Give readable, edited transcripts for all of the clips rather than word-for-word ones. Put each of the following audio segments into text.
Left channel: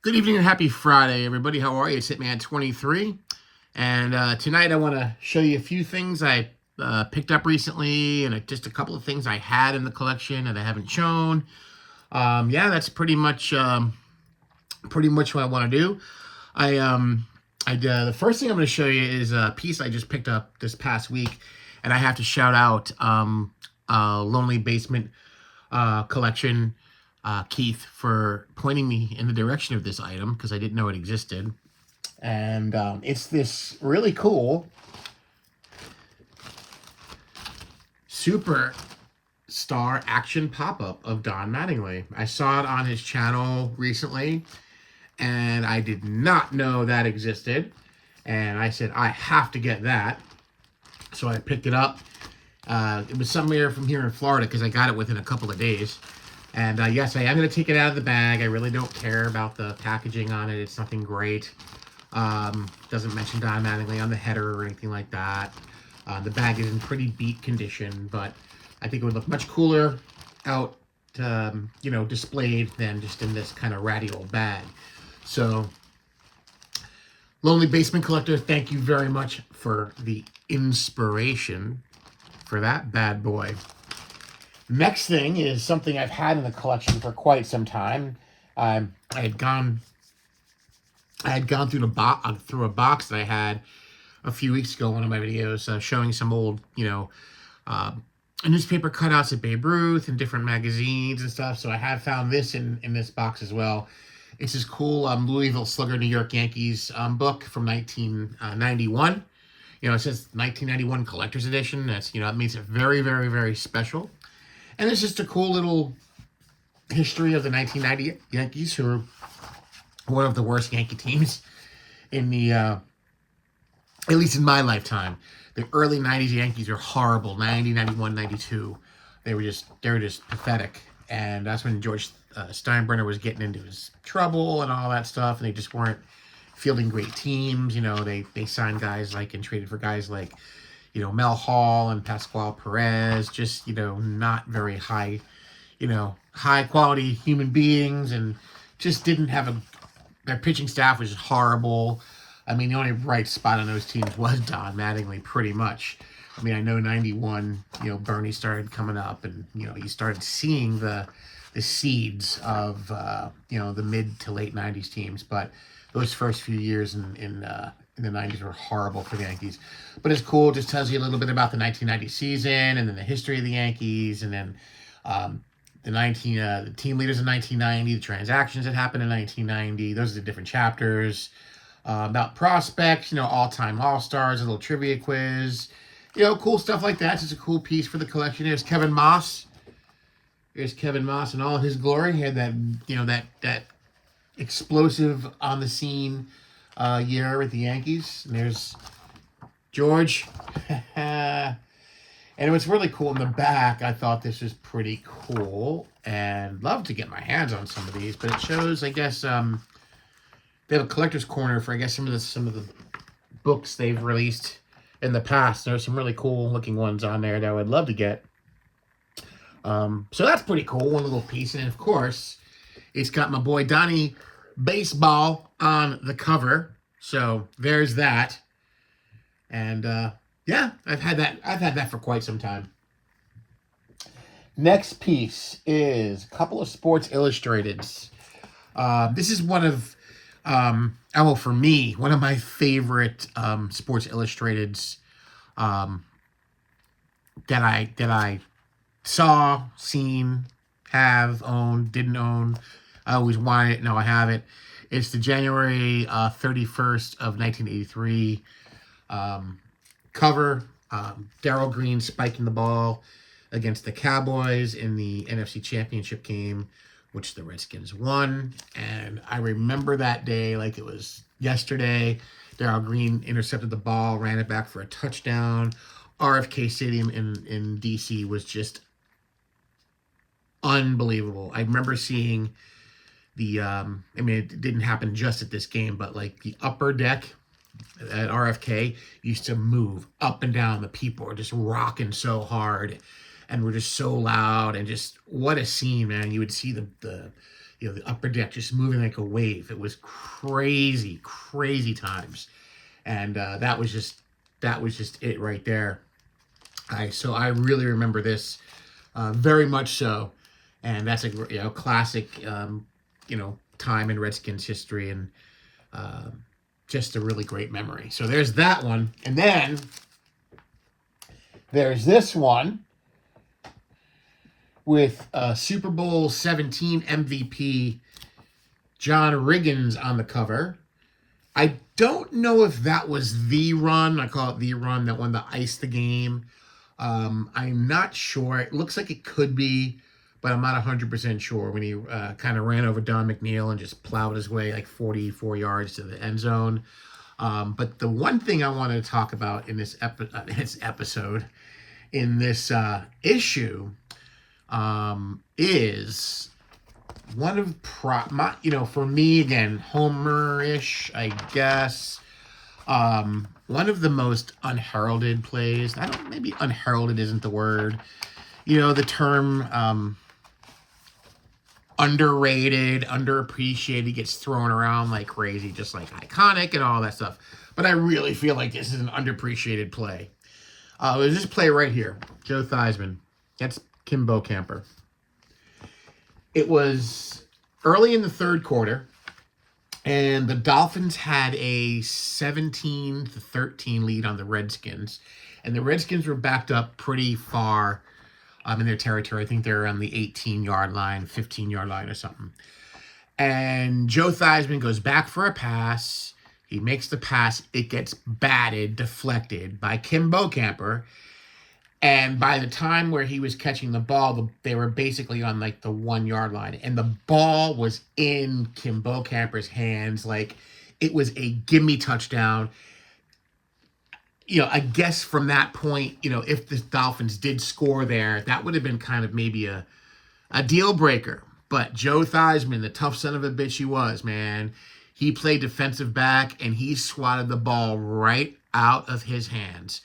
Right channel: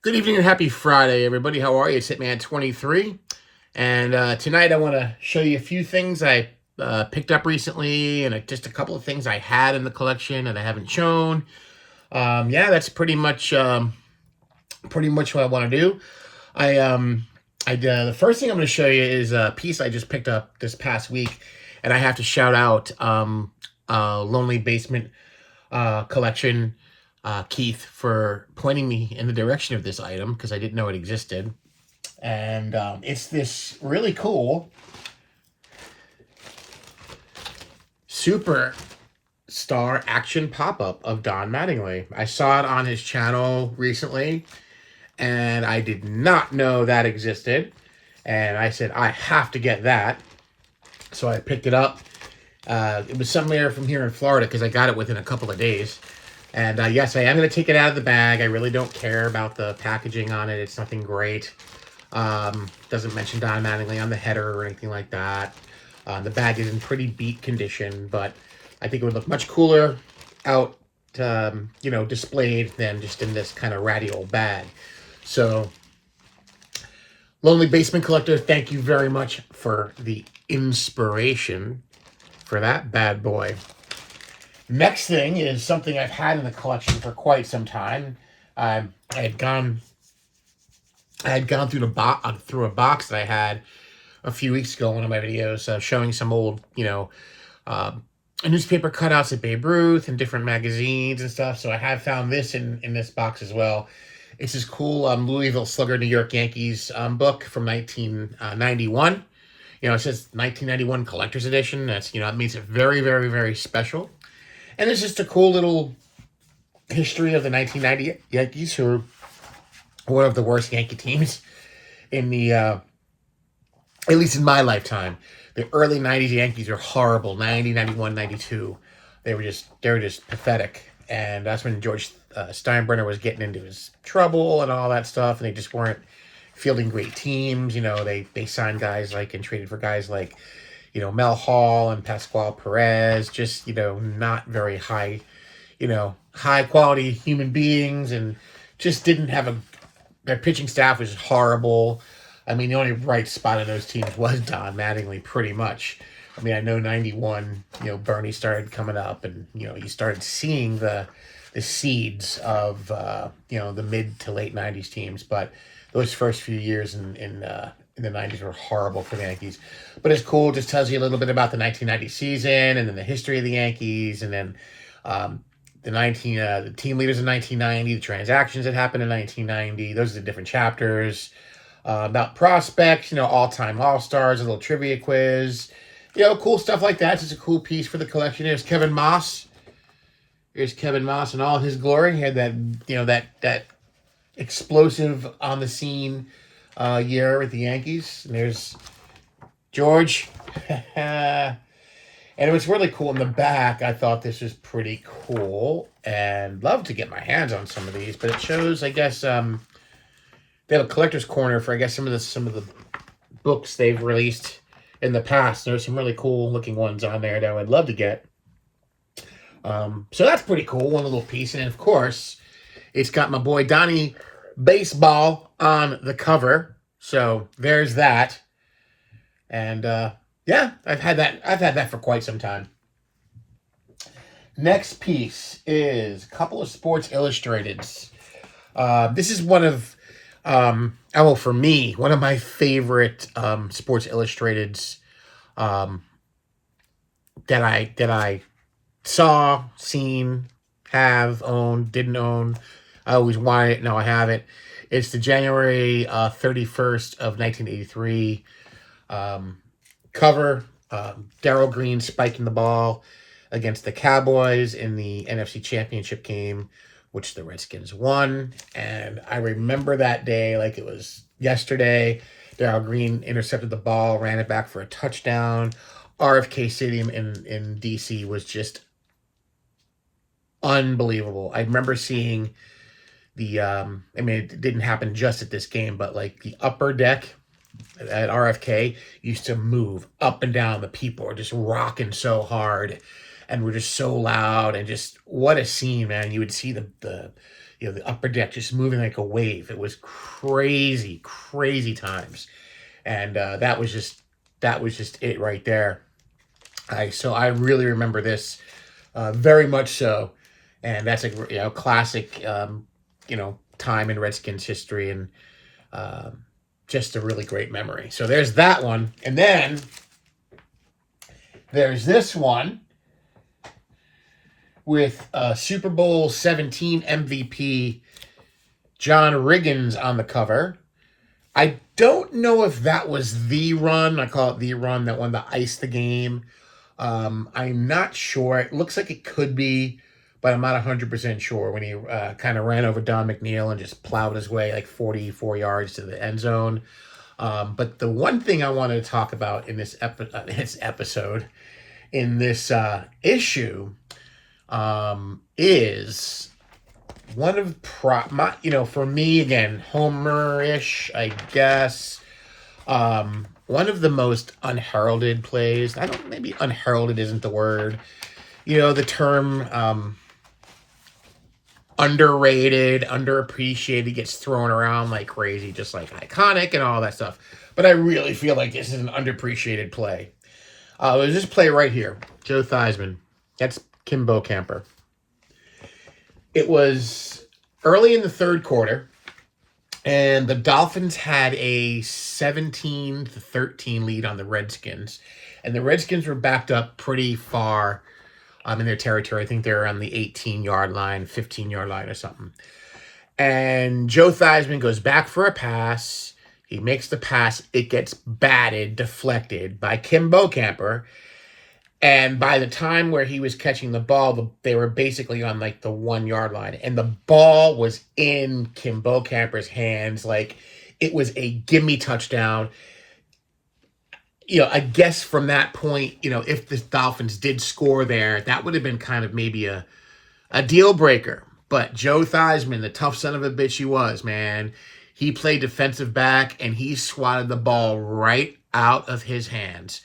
Good evening and happy Friday, everybody. How are you? It's Hitman23. And tonight I want to show you a few things I picked up recently and just a couple of things I had in the collection that I haven't shown. Yeah, that's pretty much what I want to do. I the first thing I'm going to show you is a piece I just picked up this past week, and I have to shout out Lonely Basement collection, Keith, for pointing me in the direction of this item because I didn't know it existed. And it's this really cool super star action pop-up of Don Mattingly. I saw it on his channel recently, and I did not know that existed. And I said, I have to get that. So I picked it up. It was somewhere from here in Florida because I got it within a couple of days. And yes, I am going to take it out of the bag. I really don't care about the packaging on it. It's nothing great. Doesn't mention Don Mattingly on the header or anything like that. The bag is in pretty beat condition, but I think it would look much cooler out, displayed than just in this kind of ratty old bag. So, Lonely Basement Collector, thank you very much for the inspiration for that bad boy. Next thing is something I've had in the collection for quite some time. I had gone through through a box that I had a few weeks ago, one of my videos, showing some old, uh, newspaper cutouts of Babe Ruth and different magazines and stuff. So I have found this in this box as well. It's this cool Louisville Slugger New York Yankees book from 1991. It says 1991 Collector's Edition. That's, it makes it very, very, very special. And it's just a cool little history of the 1990 Yankees, who are one of the worst Yankee teams in the, at least in my lifetime. The early 90s Yankees are horrible. 90, 91, 92. They were just pathetic. And that's when George Steinbrenner was getting into his trouble and all that stuff. And they just weren't fielding great teams. They signed guys and traded for guys like, Mel Hall and Pascual Perez. Just, not very high, high quality human beings, and just didn't have their pitching staff was horrible. I mean, the only bright spot on those teams was Don Mattingly, pretty much. I mean, I know 91, Bernie started coming up, and, you started seeing the seeds of, the mid to late 90s teams. But those first few years in the 90s were horrible for the Yankees. But it's cool. It just tells you a little bit about the 1990 season, and then the history of the Yankees, and then the team leaders in 1990, the transactions that happened in 1990. Those are the different chapters. About prospects, all-time all-stars, a little trivia quiz, cool stuff like that. It's just a cool piece for the collection. There's Kevin Moss. Here's Kevin Moss in all his glory. He had that explosive on the scene year with the Yankees. And there's George. And it was really cool in the back. I thought this was pretty cool and love to get my hands on some of these. But it shows, I guess, they have a collector's corner for, I guess, some of the books they've released in the past. There's some really cool looking ones on there that I would love to get. So that's pretty cool. One little piece. And then, of course, it's got my boy Donnie baseball on the cover. So there's that. And yeah, I've had that for quite some time. Next piece is a couple of Sports Illustrateds. This is one of for me, one of my favorite Sports Illustrateds that I saw, seen, have, owned, didn't own. I always wanted it. Now I have it. It's the January 31st of 1983 cover. Darryl Green spiking the ball against the Cowboys in the NFC Championship game, which the Redskins won. And I remember that day like it was yesterday. Darryl Green intercepted the ball, ran it back for a touchdown. RFK Stadium in D.C. was just unbelievable. I remember seeing it didn't happen just at this game, but the upper deck at RFK used to move up and down. The people were just rocking so hard and were just so loud, and just what a scene, man. You would see the the upper deck just moving like a wave. It was crazy, crazy times, and that was just it right there. So I really remember this very much so, and that's a classic time in Redskins history, and just a really great memory. So there's that one, and then there's this one with Super Bowl 17 MVP John Riggins on the cover. I don't know if that was the run. I call it the run that won the ice the game. I'm not sure. It looks like it could be, but I'm not 100% sure when he kind of ran over Don McNeil and just plowed his way like 44 yards to the end zone. But the one thing I wanted to talk about in this episode, in this issue, is one of for me, again, Homer-ish, I guess. One of the most unheralded plays. Maybe unheralded isn't the word. The term underrated, underappreciated gets thrown around like crazy, just like iconic and all that stuff. But I really feel like this is an underappreciated play. There's this play right here. Joe Theismann. That's Kim Camper. It was early in the third quarter, and the Dolphins had a 17-13 lead on the Redskins. And the Redskins were backed up pretty far in their territory. I think they were on the 18-yard line, 15-yard line or something. And Joe Theismann goes back for a pass. He makes the pass. It gets batted, deflected by Kim Camper. And by the time where he was catching the ball, they were basically on like the 1-yard line. And the ball was in Kim Camper's hands. Like, it was a gimme touchdown. I guess from that point, if the Dolphins did score there, that would have been kind of maybe a deal breaker. But Joe Theismann, the tough son of a bitch he was, man, he played defensive back and he swatted the ball right out of his hands.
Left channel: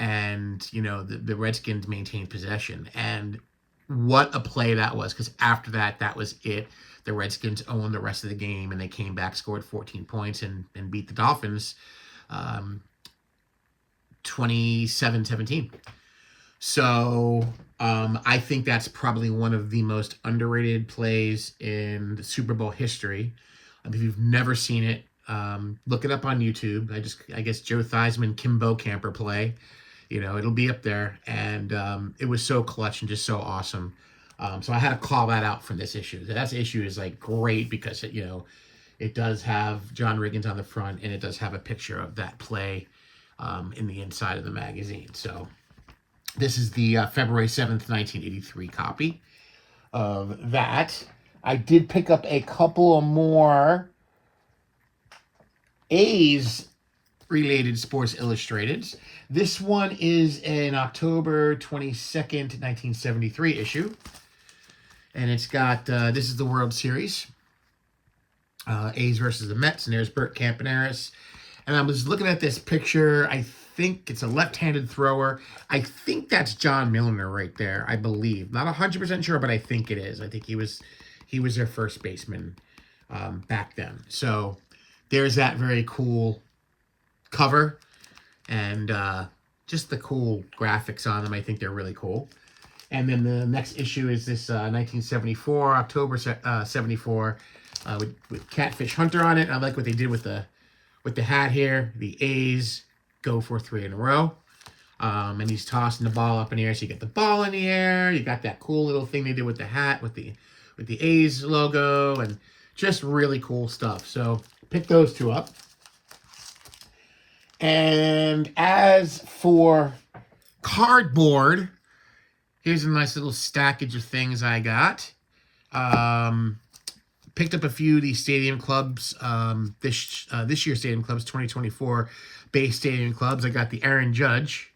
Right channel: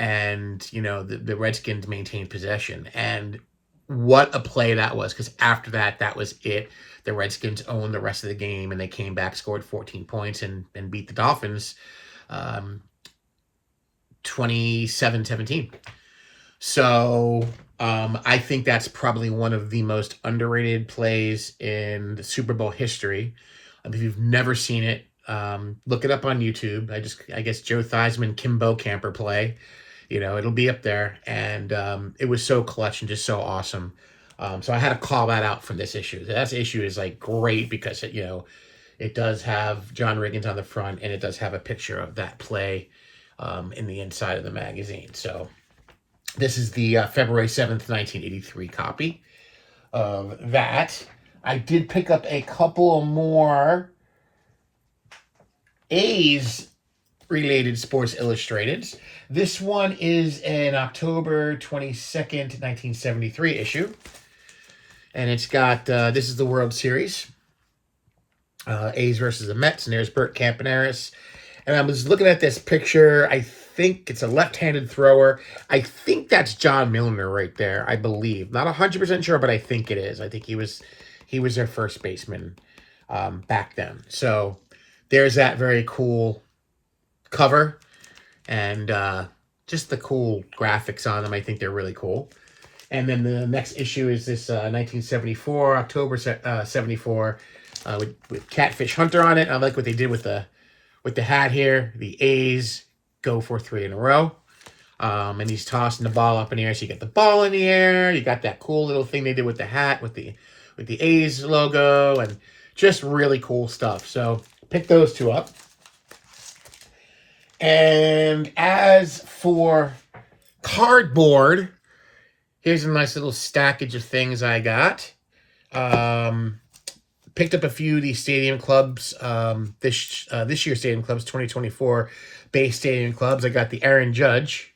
And, the Redskins maintained possession. And what a play that was, because after that, that was it. The Redskins owned the rest of the game, and they came back, scored 14 points, and beat the Dolphins 27-17. So I think that's probably one of the most underrated plays in the Super Bowl history. If you've never seen it, look it up on YouTube. I guess Joe Theismann, Kim Camper play. It'll be up there. And it was so clutch and just so awesome. So I had to call that out from this issue. That issue is like great because, it does have John Riggins on the front, and it does have a picture of that play in the inside of the magazine. So this is the February 7th, 1983 copy of that. I did pick up a couple more A's related Sports Illustrated. This one is an October 22nd, 1973 issue. And it's got, this is the World Series. A's versus the Mets. And there's Bert Campaneris. And I was looking at this picture. I think it's a left-handed thrower. I think that's John Milner right there, I believe. Not 100% sure, but I think it is. I think he was their first baseman back then. So there's that very cool cover. And just the cool graphics on them. I think they're really cool. And then the next issue is this 1974, October 74, with Catfish Hunter on it. I like what they did with the hat here. The A's go for 3 in a row. And he's tossing the ball up in the air. So you got the ball in the air. You got that cool little thing they did with the hat, with the A's logo, and just really cool stuff. So pick those two up. And as for cardboard, here's a nice little stackage of things I got. Picked up a few of these Stadium Clubs, this year's Stadium Clubs, 2024 base Stadium Clubs. I got the Aaron Judge.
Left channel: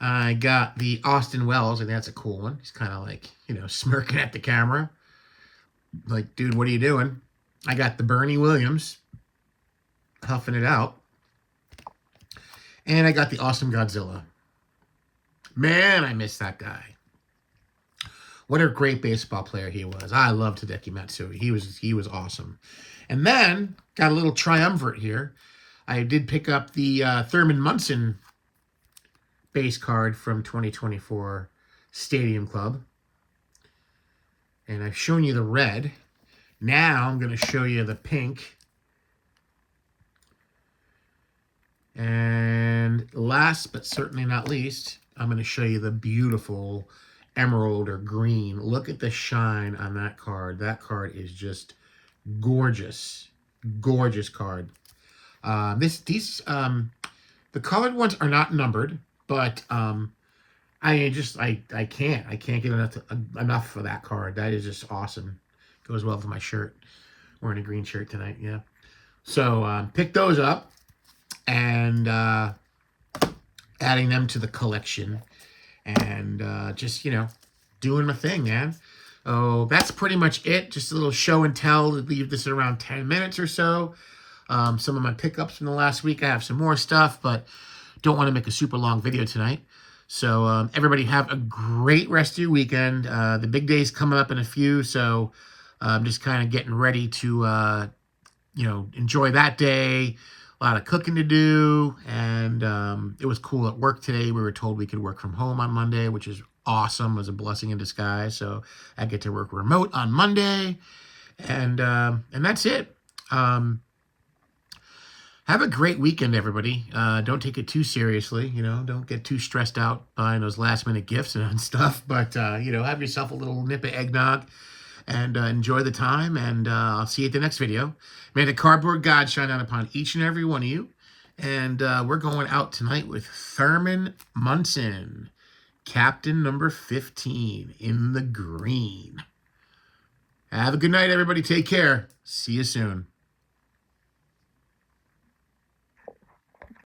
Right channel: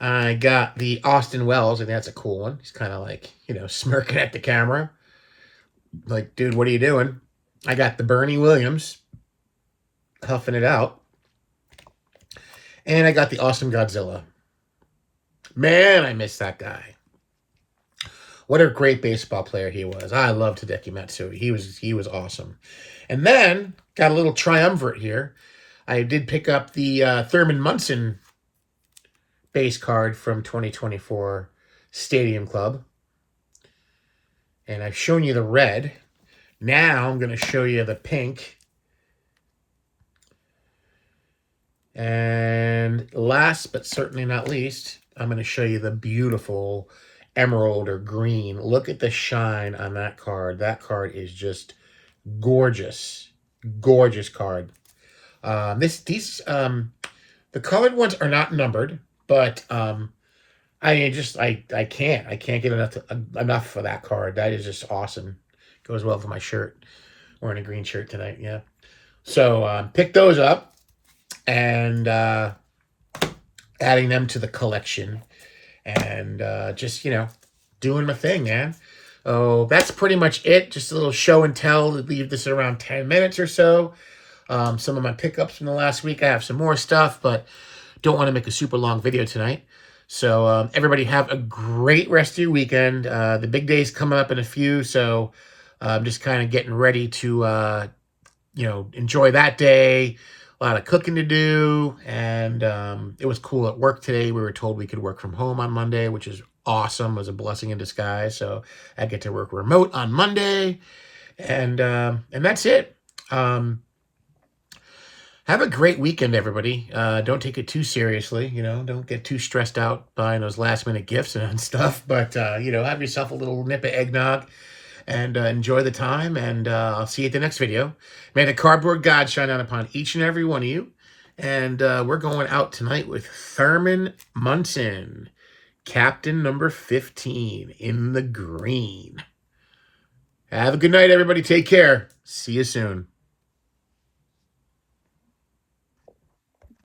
I got the Austin Wells. I think that's a cool one. He's kind of like, smirking at the camera. Like, dude, what are you doing? I got the Bernie Williams, huffing it out. And I got the Awesome Godzilla. Man, I miss that guy. What a great baseball player he was. I loved Hideki Matsui. He was awesome. And then got a little triumvirate here. I did pick up the Thurman Munson base card from 2024 Stadium Club. And I've shown you the red. Now I'm going to show you the pink. And last but certainly not least, I'm going to show you the beautiful emerald or green. Look at the shine on that card. That card is just gorgeous. Gorgeous card. The colored ones are not numbered, but I can't get enough for that card. That is just awesome. Goes well with my shirt. Wearing a green shirt tonight, yeah. So pick those up and adding them to the collection, and just doing my thing, man. Oh, that's pretty much it. Just a little show and tell. Leave this at around 10 minutes or so. Some of my pickups from the last week. I have some more stuff, but don't want to make a super long video tonight. So everybody have a great rest of your weekend. The big day's coming up in a few, so I'm just kind of getting ready to enjoy that day. A lot of cooking to do, and it was cool at work today. We were told we could work from home on Monday, which is awesome. It was a blessing in disguise. So I get to work remote on Monday, and that's it. Have a great weekend, everybody. Don't take it too seriously. Don't get too stressed out buying those last-minute gifts and stuff. But have yourself a little nip of eggnog and enjoy the time. And I'll see you at the next video. May the cardboard God shine down upon each and every one of you. And we're going out tonight with Thurman Munson, captain number 15 in the green. Have a good night, everybody. Take care. See you soon.